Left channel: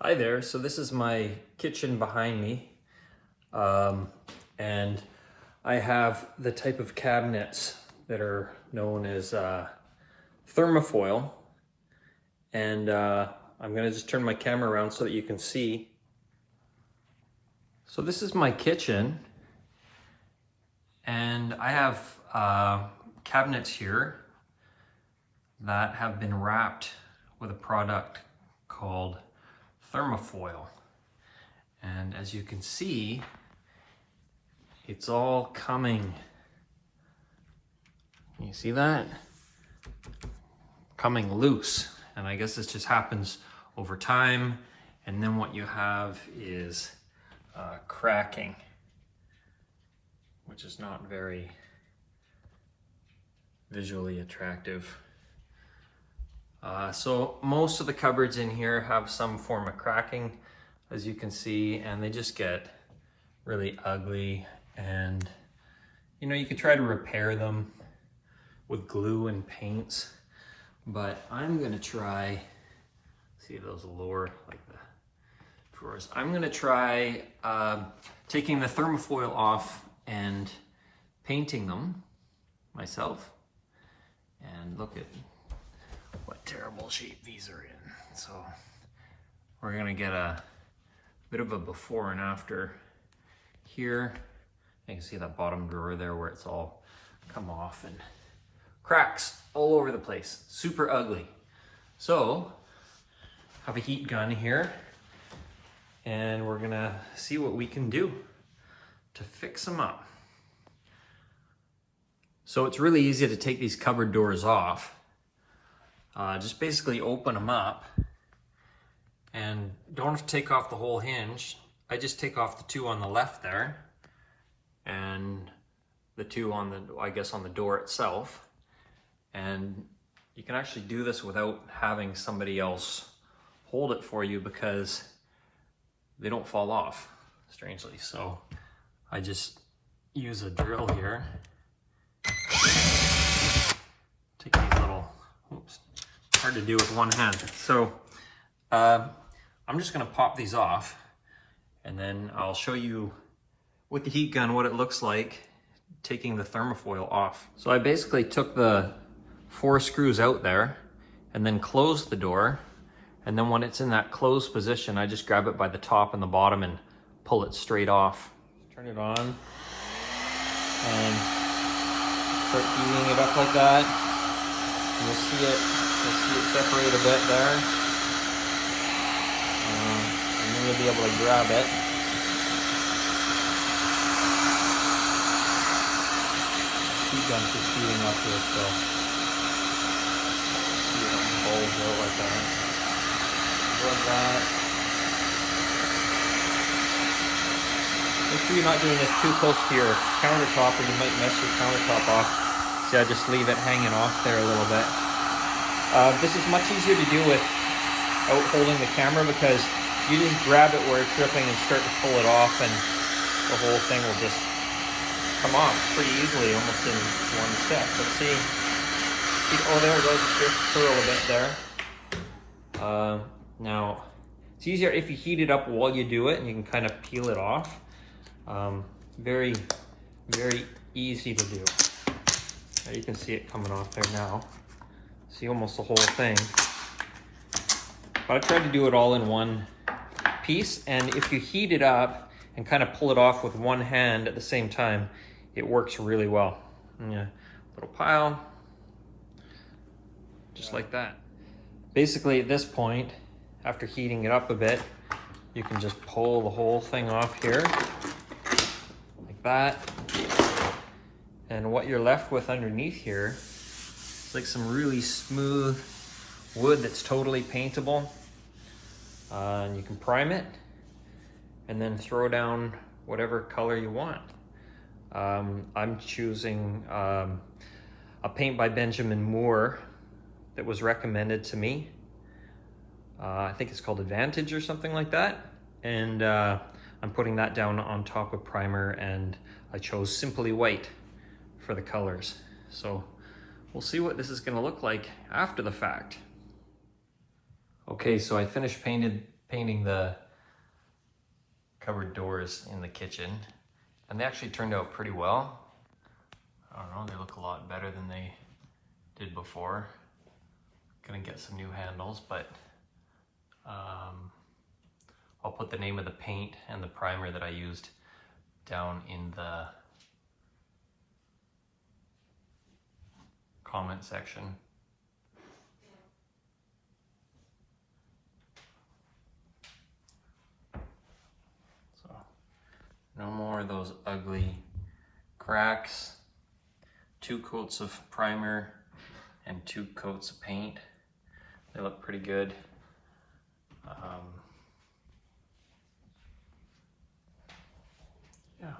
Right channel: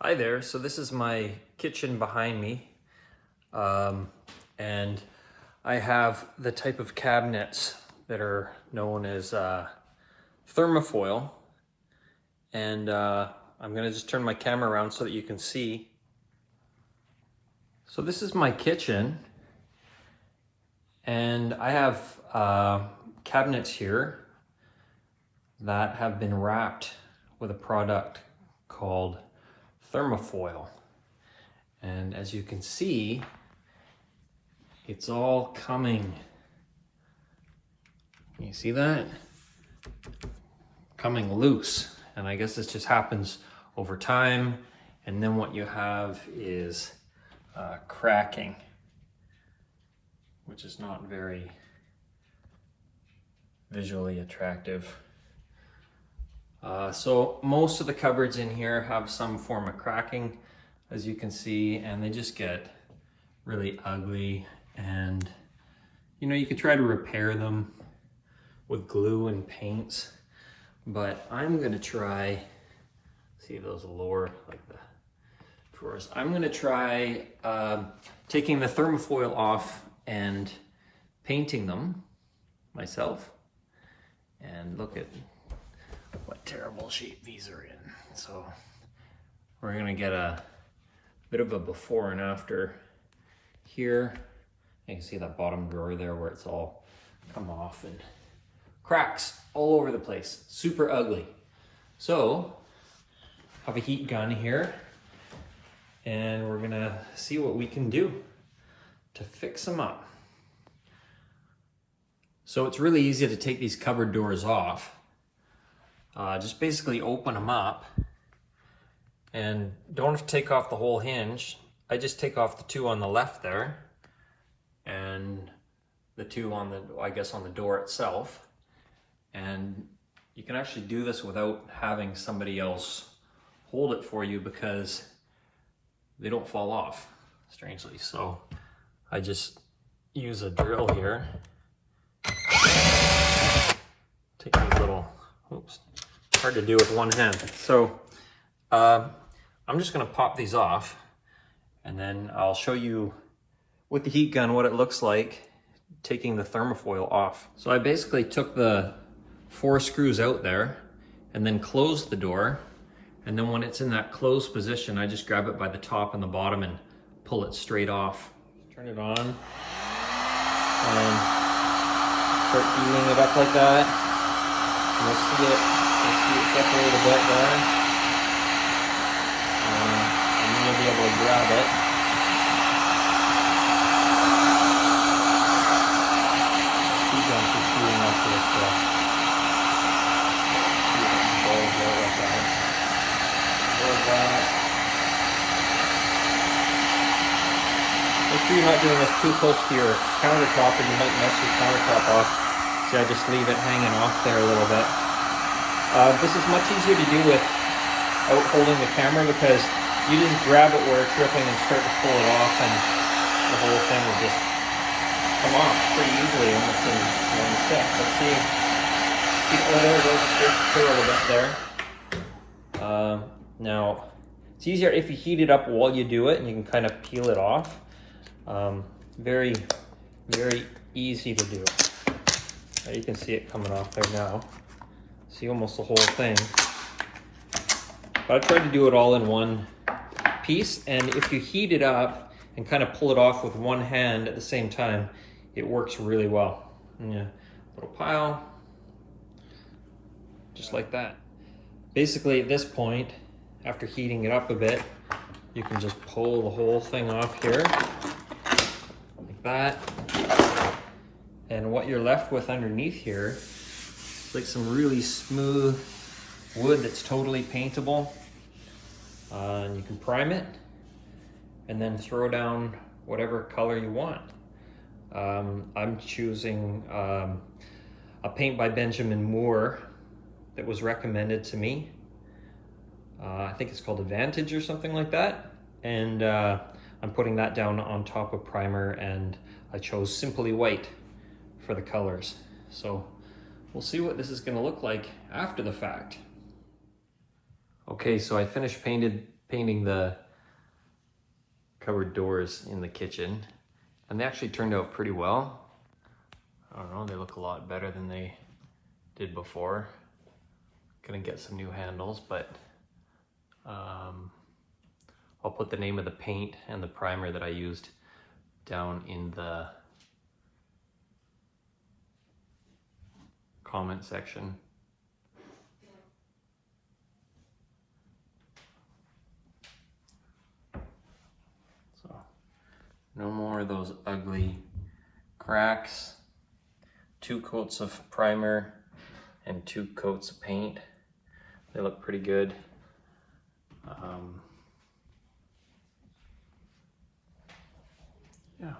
Hi there, so this is my kitchen behind me, and I have the type of cabinets that are known as thermofoil, and I'm gonna just turn my camera around so that you can see. So this is my kitchen, and I have cabinets here that have been wrapped with a product called Thermofoil, and as you can see, it's all coming. Can you see that? Coming loose, and I guess this just happens over time, and then what you have is cracking, which is not very visually attractive. So most of the cupboards in here have some form of cracking, as you can see, and they just get really ugly. And you can try to repair them with glue and paints, but I'm gonna try, see those lower, like the drawers, I'm gonna try taking the thermofoil off and painting them myself. And look at what terrible shape these are in. So we're gonna get a bit of a before and after here. You can see that bottom drawer there where it's all come off and cracks all over the place, super ugly. So I have a heat gun here, and we're gonna see what we can do to fix them up. So it's really easy to take these cupboard doors off. Just basically open them up, and don't have to take off the whole hinge. I just take off the two on the left there and the two on the, I guess, on the door itself. And you can actually do this without having somebody else hold it for you because they don't fall off, strangely. So I just use a drill here. Take these little, oops, hard to do with one hand. So I'm just gonna pop these off, and then I'll show you with the heat gun what it looks like taking the thermofoil off. So I basically took the 4 screws out there and then closed the door. And then when it's in that closed position, I just grab it by the top and the bottom and pull it straight off. Turn it on and start heating it up like that. And you'll see it separate a bit there. And then you'll be able to grab it. Heat gun keeps heating up here, so see it bulge out like that. Make sure you're not doing this too close to your countertop, or you might mess your countertop off. See, I just leave it hanging off there a little bit. This is much easier to do without holding the camera, because you just grab it where it's ripping and start to pull it off, and the whole thing will just come off pretty easily, almost in one step. Let's see. Oh, there it goes. Just curl a bit there. Now, it's easier if you heat it up while you do it, and you can kind of peel it off. Very, very easy to do. You can see it coming off there now. See almost the whole thing. But I tried to do it all in one piece, and if you heat it up and kind of pull it off with one hand at the same time, it works really well. Yeah, little pile, just like that. Basically, at this point, after heating it up a bit, you can just pull the whole thing off here, like that. And what you're left with underneath here is like some really smooth wood that's totally paintable. And you can prime it and then throw down whatever color you want. I'm choosing a paint by Benjamin Moore that was recommended to me. I think it's called Advantage or something like that. And I'm putting that down on top of primer, and I chose Simply White for the colors. So we'll see what this is gonna look like after the fact. Okay, so I finished painting the cupboard doors in the kitchen, and they actually turned out pretty well. I don't know, they look a lot better than they did before. Gonna get some new handles, but I'll put the name of the paint and the primer that I used down in the comment section. So, no more of those ugly cracks. 2 coats of primer and 2 coats of paint. They look pretty good. Yeah,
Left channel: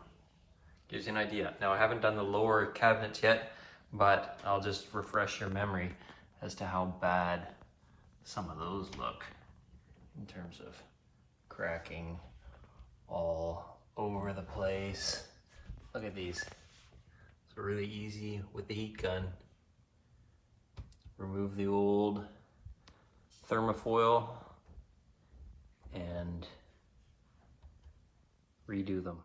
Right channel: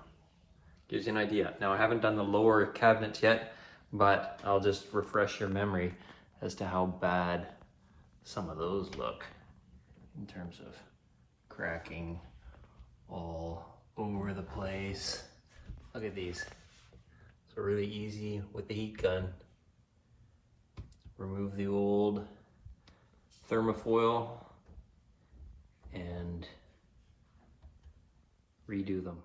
gives you an idea. Now I haven't done the lower cabinets yet, but I'll just refresh your memory as to how bad some of those look in terms of cracking all over the place. Look at these. So really easy with the heat gun. Remove the old thermofoil and redo them.